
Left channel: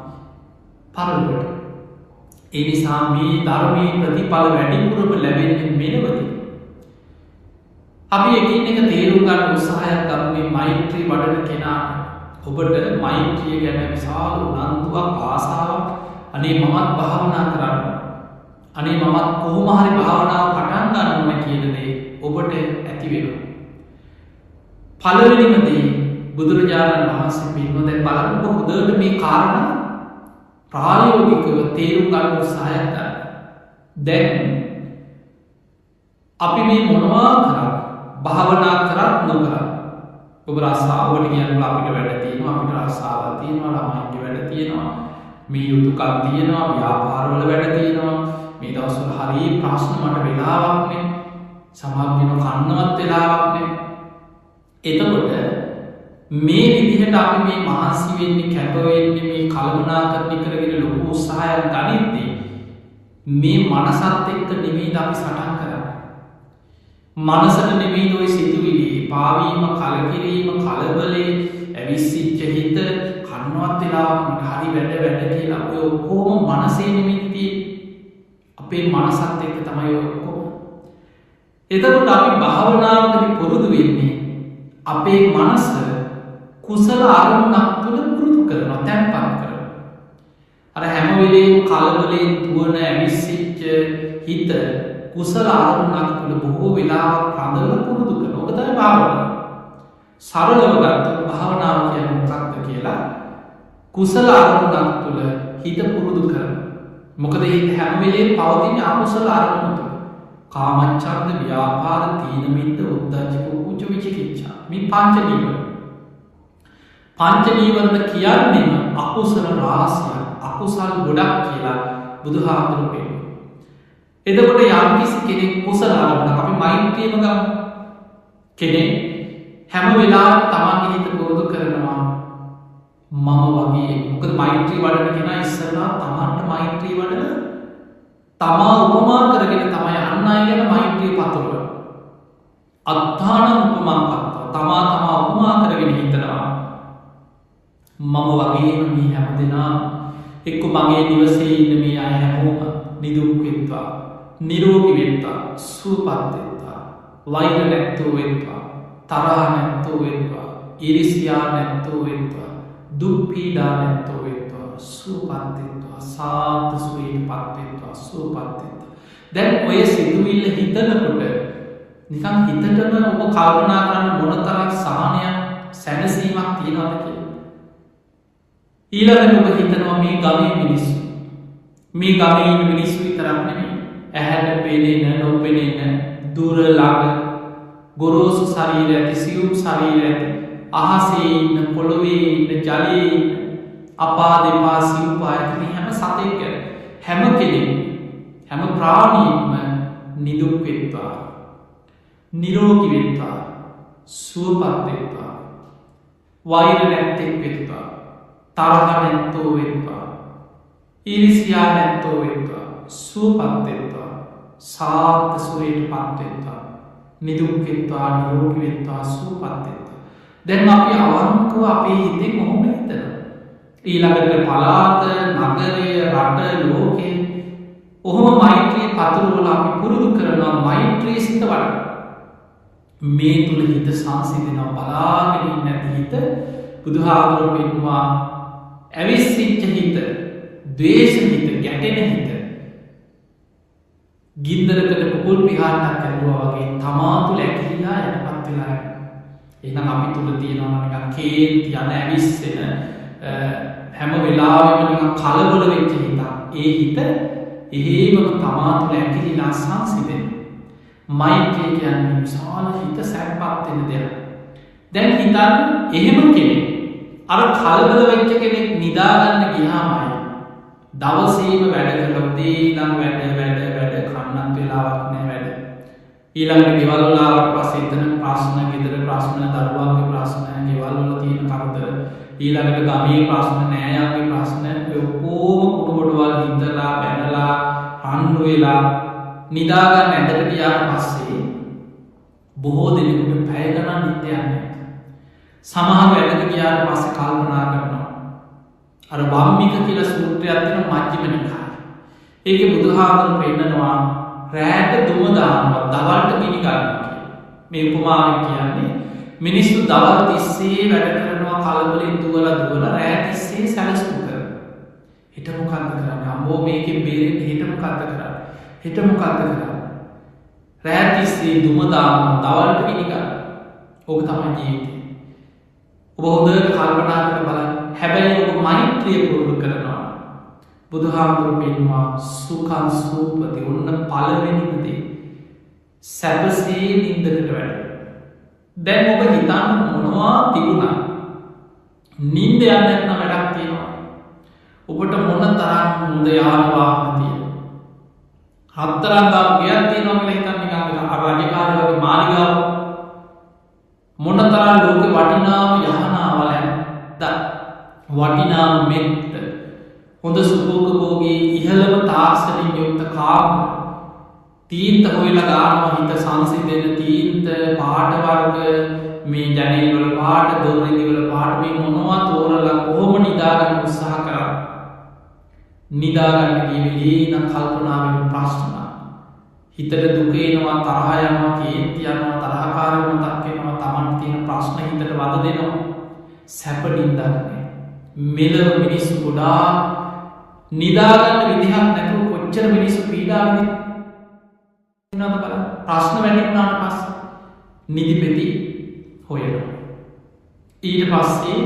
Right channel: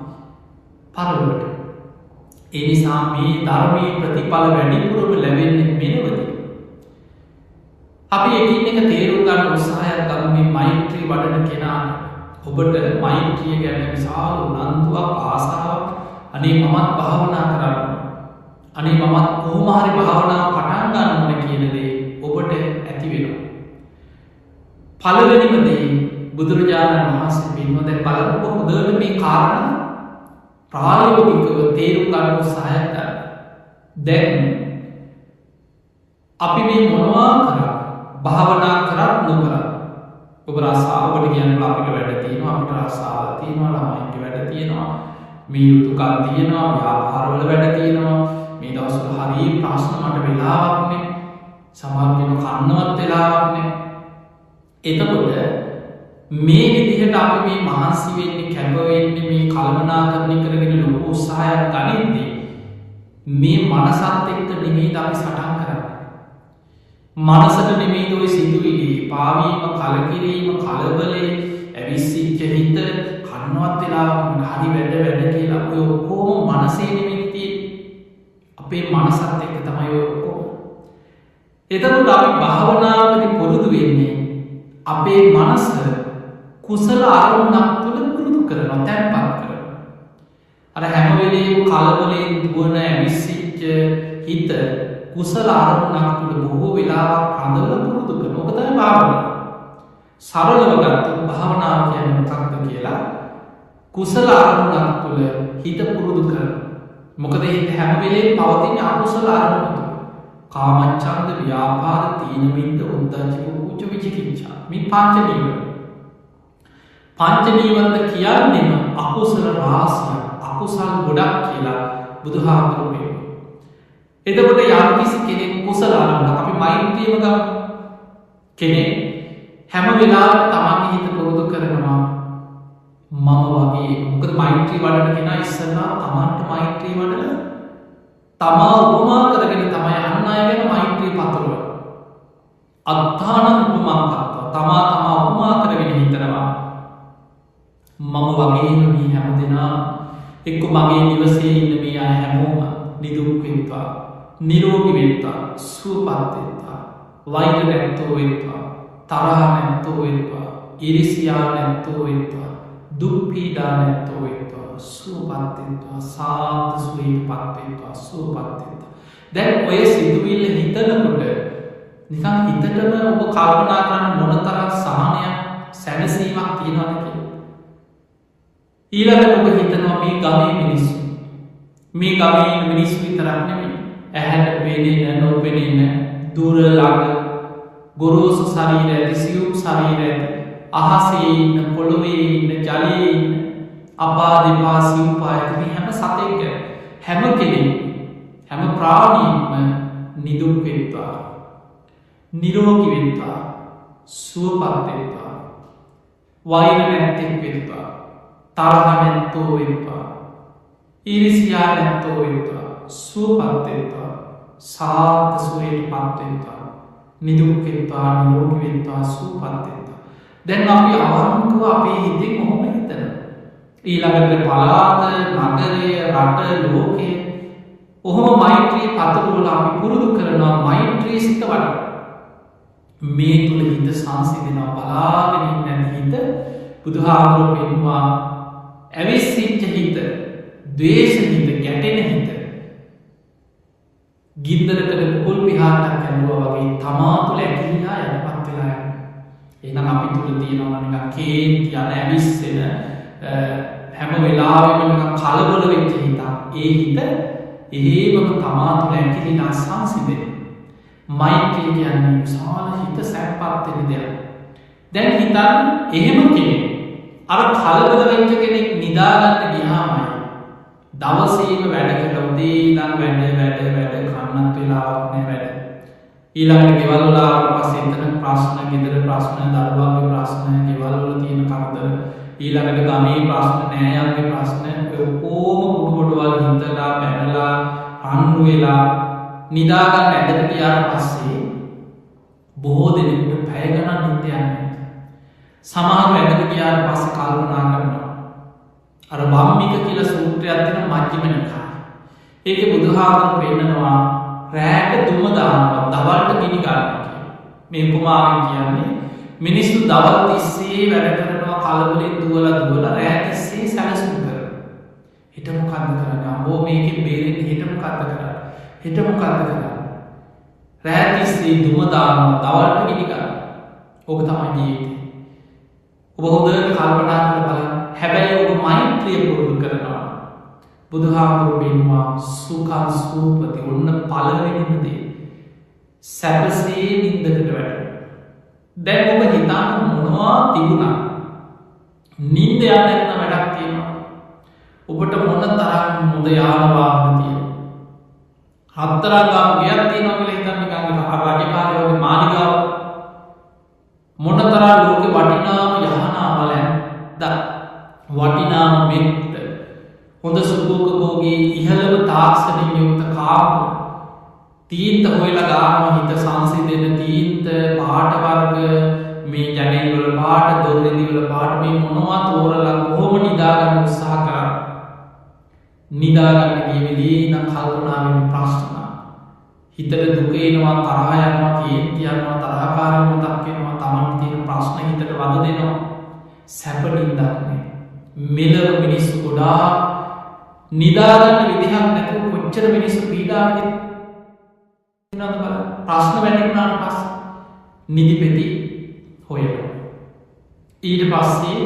පරලොවට. ඒ නිසා මේ ධර්මයේ ප්‍රතිඵල වැඩිපුරම ලැබෙන්නේ මෙලොවදී. අපි එකින් එක තේරුම් ගන්න උත්සාහයක් ගමු මේ මෛත්‍රී වඩන කෙනාට. ඔබට මෛත්‍රිය ගැන විශාල උනන්දුවක් ආසාවක් අනේ මමත් භාවනා කරන්න. අනේ මමත් කොහොම හරි භාවනාව පටන් ගන්න ඕන කියන දේ ඔබට ඇති වෙනවා. පළවෙනිම දේ බුදුරජාණන් වහන්සේ පෙන්වන දැන් බලන්න ඔබ හොඳට මේ කාරණා ප්‍රායෝගිකව තේරුම් ගන්න උත්සාහයක් ගන්න. දැන් අපි මේ මොනවා කරා භාවනා කරත් නොකරත් ඔබ රස්සාව ඔබට කියන්න අපිට වැඩ තියෙනවා අපිට රස්සාවල් තියෙනවා ළමයින්ගේ වැඩ තියෙනවා මේ යුතුයකම් තියෙනවා ව්‍යාපාරවල වැඩ තියෙනවා මේ දවස්වල හරි ප්‍රශ්න මට වෙලාවක් නෑ සමහර කෙනා කන්නවත් වෙලාවක් නෑ. එතකොට මේ විදිහට අපි මේ මහන්සි වෙන්නේ කැප වෙන්නේ මේ කලමනාකරණය කරගෙන ලොකු උත්සාහයක් ගනිද්දී මේ මනසත් එක්ක නෙමෙයිද අපි සටන් කරන්නේ. මනසට නෙමෙයිද ඔය සිතුවිලි පාවීම කලකිරීම කලබලේ ඇවිස්සිච්ච හිත කන්නවත් වෙලාවක් මට හරි වැඩ කියලා ඔය ඔක්කොම මනසේ නෙමෙයි අපේ මනසත් එක්ක තමයි ඔය ඔක්කොම. එතකොට අපි භාවනාවකදී පුරුදු වෙන්නේ අපේ මනස කුසල අරමුණක් තුළ පුරුදු කරනවා තැන්පත් කරනවා. අර හැම වෙලේම කලබලෙන් දුවන ඇවිස්සිච්ච හිත කුසල අරමුණක් තුළ බොහෝ වෙලාවක් රඳවලා පුරුදු කරනවා. ඔක තමයි භාවනාව. සරලව ගත්තොත් භාවනාව කියන්නේ මොකක්ද කියලා කුසල අරමුණක් තුළ හිත පුරුදු කරනවා. මොකද හිත හැම වෙලේම පවතින අකුසල අරමුණ තුළ. කාමච්ඡන්ද, ව්‍යාපාද, තීන මිද්ද, උද්ධච්ච, කුච්ච, විචිකිච්ඡා. මේ පංච නීවරණ. පංච නීවරණ කියන්නේම අකුසල රාශියක්, අකුසල් ගොඩක් කියලා බුදුහාමුදුරුවෝ කියනවා. එතකොට යම්කිසි කෙනෙක් කුසල අරමුණක්, අපි මෛත්‍රියම ගමු. කෙනෙක් හැම වෙලාවෙම තමන්ගේ හිත පුරුදු කරනවා මම වගේ. මොකද මෛත්‍රී වඩන කෙනා ඉස්සෙල්ලා තමන්ට මෛත්‍රී වඩලා තමා උපමා කරගෙන තමයි අන් අය ගැන මෛත්‍රිය පතුරවන්නේ. අත්තානං උපමං කත්වා, තමා උපමා කරගෙන හිතනවා මම වගේම මේ හැමදෙනාම එක්ක මගේ නිවසේ ඉන්න මේ අය හැමෝම නිදුක් වෙත්වා, නිරෝගී වෙත්වා, සුවපත් වෙත්වා, වෛර නැත්තෝ වෙත්වා, තරහ නැත්තෝ වෙත්වා, ඊර්ෂ්‍යා නැත්තෝ වෙත්වා, දුක් පීඩා නැත්තෝ වෙත්වා, සුවපත් වෙත්වා, සාන්ත සුවයටපත් වෙත්වා, සුවපත් වෙත්වා. දැන් ඔය සිතුවිල්ල හිතනකොට නිකන් හිතටම ඔබ කල්පනා කරන්න මොනතරම් සහනයක්, සැනසීමක් තියෙනවද කියලා. ඊළඟට ඔබ හිතනවා මේ ගමේ මිනිස්සු, මේ ගමේ ඉන්න මිනිස්සු විතරක් නෙමෙයි, ඇහැට පෙනෙන, නොපෙනෙන, දුර ළඟ, ගොරෝසු ශරීර ඇති, සියුම් ශරීර ඇති, අහසේ ඉන්න, පොළොවේ ඉන්න, ජලයේ ඉන්න, අපා දෙපා සිව්පා ඇති මේ හැම සතෙක් ගැන, හැම කෙනෙක්, හැම ප්‍රාණියෙක්ම නිදුක් වෙත්වා, නිරෝගී වෙත්වා, සුවපත් වෙත්වා, වෛර නැත්තෙක් වෙත්වා, තරහ නැත්තෝ වෙත්වා, ඊර්ෂ්‍යා නැත්තෝ වෙත්වා, සුවපත් වෙත්වා, සාන්ත සුවයටපත් වෙත්වා, නිදුක් වෙත්වා, නිරෝගී වෙත්වා, සුවපත් වෙත්වා. දැන් අපි අවංකව අපේ හිතෙන් ඔහොම හිතනවා. ඊළඟට පළාත, නගරය, රට, ලෝකය ඔහොම මෛත්‍රී පතුරවල අපි පුරුදු කරනවා මෛත්‍රී සිත වඩා. මේ තුල හිත සංසිඳෙනවා. බලාගෙන ඉන්න හිත බුදුහාමුදුරුවෝ පෙන්වුවා ඇවිස්සිච්ච හිත, ද්වේෂ හිත, ගැටෙන හිත ගින්දරකට පුපුල් පිහාටක් ඇල්ලුවා වගේ තමා තුළ ඇකිලිලා යටපත් වෙලා යනවා. එහෙනම් අපි තුල තියෙනවා නිකන් කේන්ති යන ඇවිස්සෙන හැම වෙලාවෙම නිකන් කලබල වෙච්ච හිතක්. ඒ හිත එහෙමම තමා තුළ ඇකිලිලා සංසිඳෙන. මෛත්‍රිය කියන්නේ විශාල හිත සැපපත් වෙන දෙයක්. දැන් හිතන්න එහෙම කෙනෙක් අර කලබල වෙච්ච කෙනෙක් නිදාගන්න ගියාමයි දවසේම වැඩ කරලා උදේ ඉඳන් වැඩ කන්නත් වෙලාවක් නැහැ වැඩ. ඊළඟට ගෙවල් වල ආවට පස්සේ එතන ප්‍රශ්න, ගෙදර ප්‍රශ්න, දරුවන්ගේ ප්‍රශ්න, ගෙවල් වල තියෙන කරදර, ඊළඟට ගමේ ප්‍රශ්න, නෑයන්ගේ ප්‍රශ්න, ඔය ඔක්කොම කුඩු ගොඩවල් හිතලා බැනලා රණ්ඩු වෙලා නිදාගන්න ඇඳට ගියාට පස්සේ බොහෝ දෙනෙකුට පැය ගණන් නිින්ද යන්නේ. සමහරව ඇඳට ගියාට පස්සේ කල්පනා කරනවා. අර වම්මික කියලා සූත්‍රයක් තියෙන මජ්ක්‍ධිම නිකායේ. ඒකේ බුදුහාමුදුරුවෝ පෙන්නනවා රැට දුම දානවා, දවල්ට ගිනි ගන්නවා කියලා. මේ උපමාවෙන් කියන්නේ මිනිස්සු දවල් තිස්සේ වැඩ කරනවා, කලබලෙන් දුවලා රැ තිස්සේ සැලසුම් කරනවා. හිත මොකද්ද කරන්නේ? අම්බෝ මේකෙන් බේරෙන්න හිත මොකද්ද කරන්නේ? හිත මොකද්ද කරන්නේ? රැ තිස්සේ දුම දානවා, දවල්ට ගිනි ගන්නවා. ඕක තමයි ජීවිතේ. ඔබ හොඳට කල්පනා කරලා බලන්න. හැබැයි ඔබ මෛත්‍රිය පුරුදු කරනවා. බුදුහාමුදුරුවෝ පෙන්වුවා සුඛං සූපති. ඔන්න පළවෙනිම දේ. සැපසේ නිින්දකට වැටෙනවා. දැන් ඔබ හිතන්න මොනවා තිබුණා නිින්ද යන්නේ නැත්නම් වැඩක් තියෙනවා. ඔබට මොන තරම් හොඳ යාන වාහන තියෙනවා. හතරක් ගාපු ගෙයක් තියෙනවා කියලා හිතන්න නිකන් අර රජකාරයෝ වගේ මාලිගාව. මොන තරම් ලෝකේ වටිනාම යහනාවල ඇත්ත. වටිනාම මෙත්ත. හොඳ සුඛෝපභෝගී ඉහළම තාක්ෂණින් යුක්ත කාමර. තීන්ත හොයලා ගානවා හිත සංසිඳෙන තීන්ත පාට වර්ග, මේ ජනෙල් වල පාට, දොර රිදි වල පාට, මේ මොනවා තෝරලා කොහොම නිදාගන්න උත්සාහ කරා. නිදාගන්න ගිය වෙලේ නම් කල්පනා වෙන ප්‍රශ්න. හිතට දුක එනවා, තරහ යනවා, කේන්ති යනවා, තරහකාරී මතක් වෙනවා, Taman තියෙන ප්‍රශ්න හිතට වද දෙනවා. සැප නින්දක් නෑ. මෙලව මිනිස්සු ගොඩාක් නිදාගන්න විදිහක් නැතුව කොච්චර මිනිස්සු පීඩා විඳිනවද බලන්න. ප්‍රශ්න වැඩි වුණාට පස්සේ නිදි පෙති හොයනවා. ඊට පස්සේ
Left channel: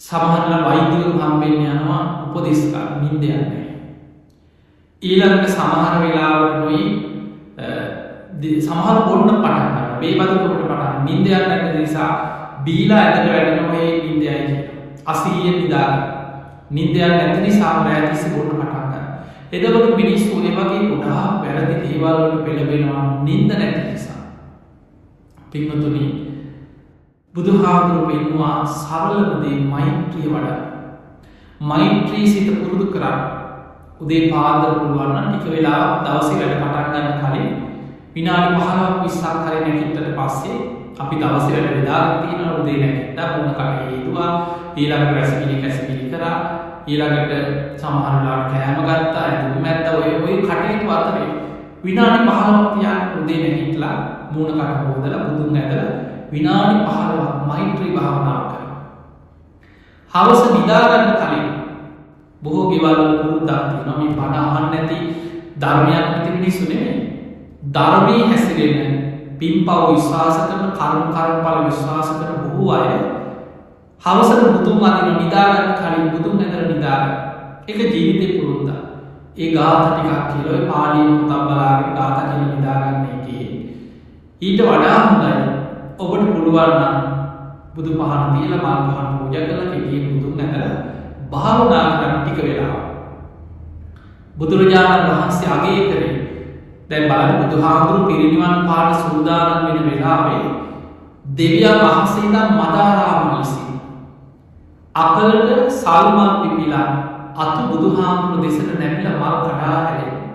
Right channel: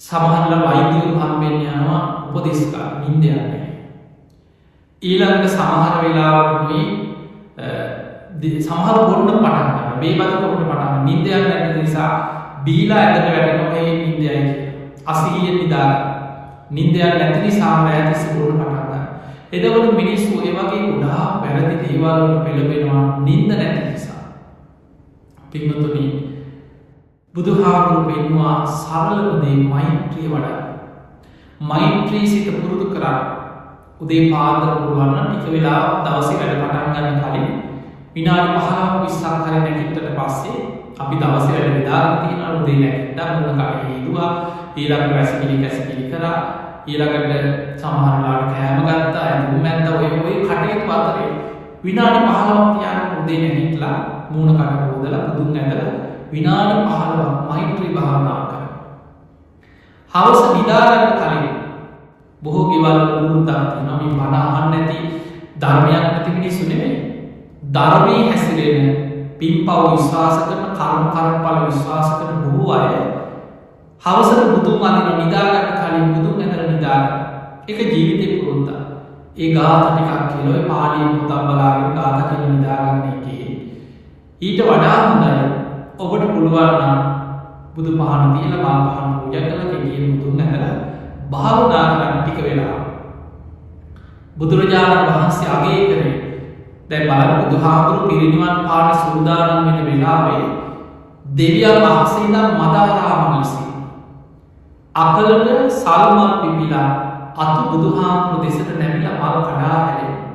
සමහරලා වෛද්‍යවරු හම්බෙන්න යනවා උපදෙස් ගන්න නිින්ද යන්නේ. ඊළඟට සමහර වෙලාවකනුයි සමහර බොන්න පටන් ගන්න. බේබදුකමට පටන් නිින්ද යන්නේ නැති නිසා බීලා ඇඳට වැටෙනවා ඒ නිින්ද යයි කියලා. අසීයෙන් නිදාගන්න. නිින්ද යන්නේ නැති නිසා රැය තිස්සේ බොන්න පටන් ගන්න. එතකොට මිනිස්සු ඒ වගේ ගොඩාක් වැරදි දේවල් වලට පෙළඹෙනවා නිින්ද නැති නිසා. පින්වතුනි බුදුහාමුදුරුවෝ පෙන්වුවා සරලම දේ මෛත්‍රිය වඩන්න. මෛත්‍රී සිත පුරුදු කරන්න. උදේ පාන්දර පුළුවන් නම් ටික වෙලාවක් දවසේ වැඩ පටන් ගන්න කලින් විනාඩි 15ක් 20ක් හරි නැගිට්ටට පස්සේ අපි දවසේ වැඩ බෙදාගෙන තියෙනවා. උදේ නැගිට්ටා මොන කටේ හේතුවා ඊළඟට වැසිකිලි කරා ඊළඟට සමහර වෙලාවට කෑම ගත්තා ඇඳුම් මැද්දා ඔය කටයුතු අතරේ විනාඩි 15ක් තියාගෙන උදේ නැගිටලා මූණ කට හොදලා බුදුන් ඇදලා විනාඩි 15ක් මෛත්‍රී භාවනාව කරනවා. හවස නිදා ගන්න කලින් බොහෝ ගෙවල් පුරුද්දක් තියෙනවා මේ බණ අහන්න නැති ධර්මයක් නැති මිනිස්සු නෙමෙයි. ධර්මයේ හැසිරෙන පින්පව් විශ්වාස කරන කර්මඵල විශ්වාස කරන බොහෝ අය හවසට බුදුන් අදින නිදා ගන්න කලින් බුදුන් ඇදලා නිදා ගන්න. ඒක ජීවිතේ පුරුද්දක්. ඒ ගාථා ටිකක් කියලා ඔය පාළියෙන් පොතක් බලාගෙන ගාථා කියලා නිදා ගන්න එකේ ඊට වඩා හොඳයි ඔබට පුළුවන් නම් බුදු පහන තියලා මල් පහන් පූජා කරලා කෙටියෙන් බුදුන් ඇදලා භාවනා කරන්න ටික වෙලාවක්. බුදුරජාණන් වහන්සේ අගය කරේ දැන් බලන්න බුදුහාමුදුරු පිරිනිවන් පාන සූදානම් වෙන වෙලාවේ දෙවියන් වහන්සේ ඉඳන් මදාරාමල් විසින් අකලට සල් මල් පිපිලා අතු බුදුහාමුදුරු දෙසට නැමිලා මල් කඩා හැලෙනවා.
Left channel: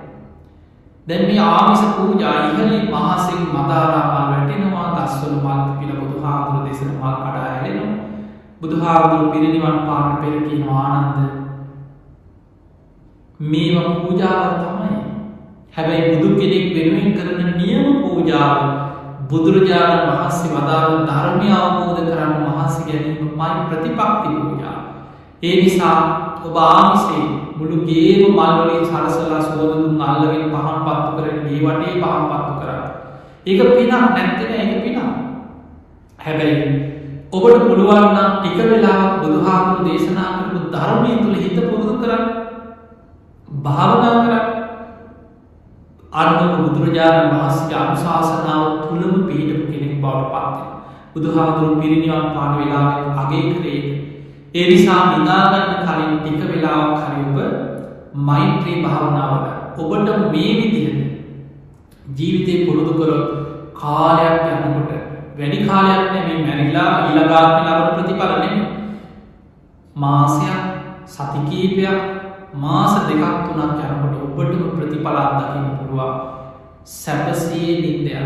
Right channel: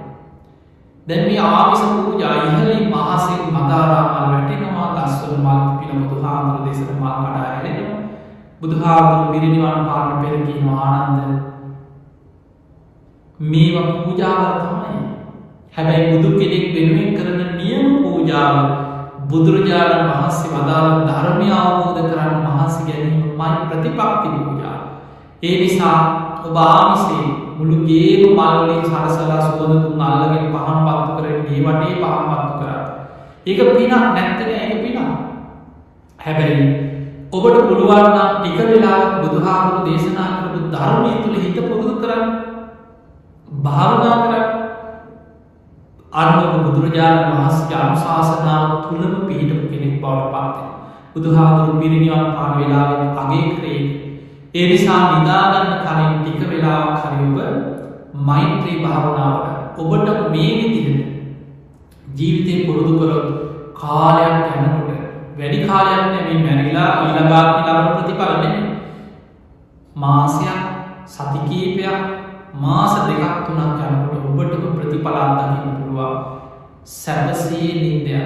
දැන් මේ ආමිස පූජා ඉහළින් මහසෙන් මදාරාමල් වැටෙනවා ගස්වල මල් පිපිලා බුදුහාමුදුරු දෙසට මල් කඩා හැලෙනවා. බුදුහාමුදුරු පිරිනිවන් පාන්න පෙර කියන ආනන්ද මේවා පූජාව තමයි. හැබැයි බුදු කෙනෙක් වෙනුවෙන් කරන නියම පූජාව බුදුරජාණන් වහන්සේ වදාළ ධර්මය අවබෝධ කරන්න මහන්සි ගැනීමයි ප්‍රතිපත්ති පූජාව. ඒ නිසා ඔබ ආමිසේ මුළු ගේම මල් වලින් සරසලා සුවඳ දුම් අල්ලගෙන පහන් පත්තු කරගෙන ගේ වටේ පහන් පත්තු කරා. ඒක පිනක් නැත්තේ නෑ ඒක පිනක්. හැබැයි ඔබට පුළුවන් නම් ටික වෙලාවක් බුදුහාමුදුරු දේශනා කරපු ධර්මයේ තුල හිත පුරුදු කරන්න. භාවනා කරන්න. අන්න ඔබ බුදුරජාණන් වහන්සේගේ අනුශාසනාව තුලම පිළිපදපු කෙනෙක් බවට පත් වෙනවා. බුදුහාමුදුරු පිරිනිවන් පාන වෙලාවෙත් අගය කරේ. ඒ නිසා නිදා ගන්න කලින් ටික වෙලාවක් හරි ඔබ මෛත්‍රී භාවනාව වඩන්න. ඔබට මේ විදිහට ජීවිතේ පුරුදු කරොත් කාලයක් යනකොට වැඩි කාලයක් නෙමෙයි මැරිලා ඊළඟාත්මේ ලබන ප්‍රතිඵල නෙමෙයි. මාසයක් සති කීපයක් මාස දෙකක් තුනක් යනකොට ඔබටම ප්‍රතිඵල අත්දකින්න පුළුවන්. සැපසේ නිින්ද යනවා.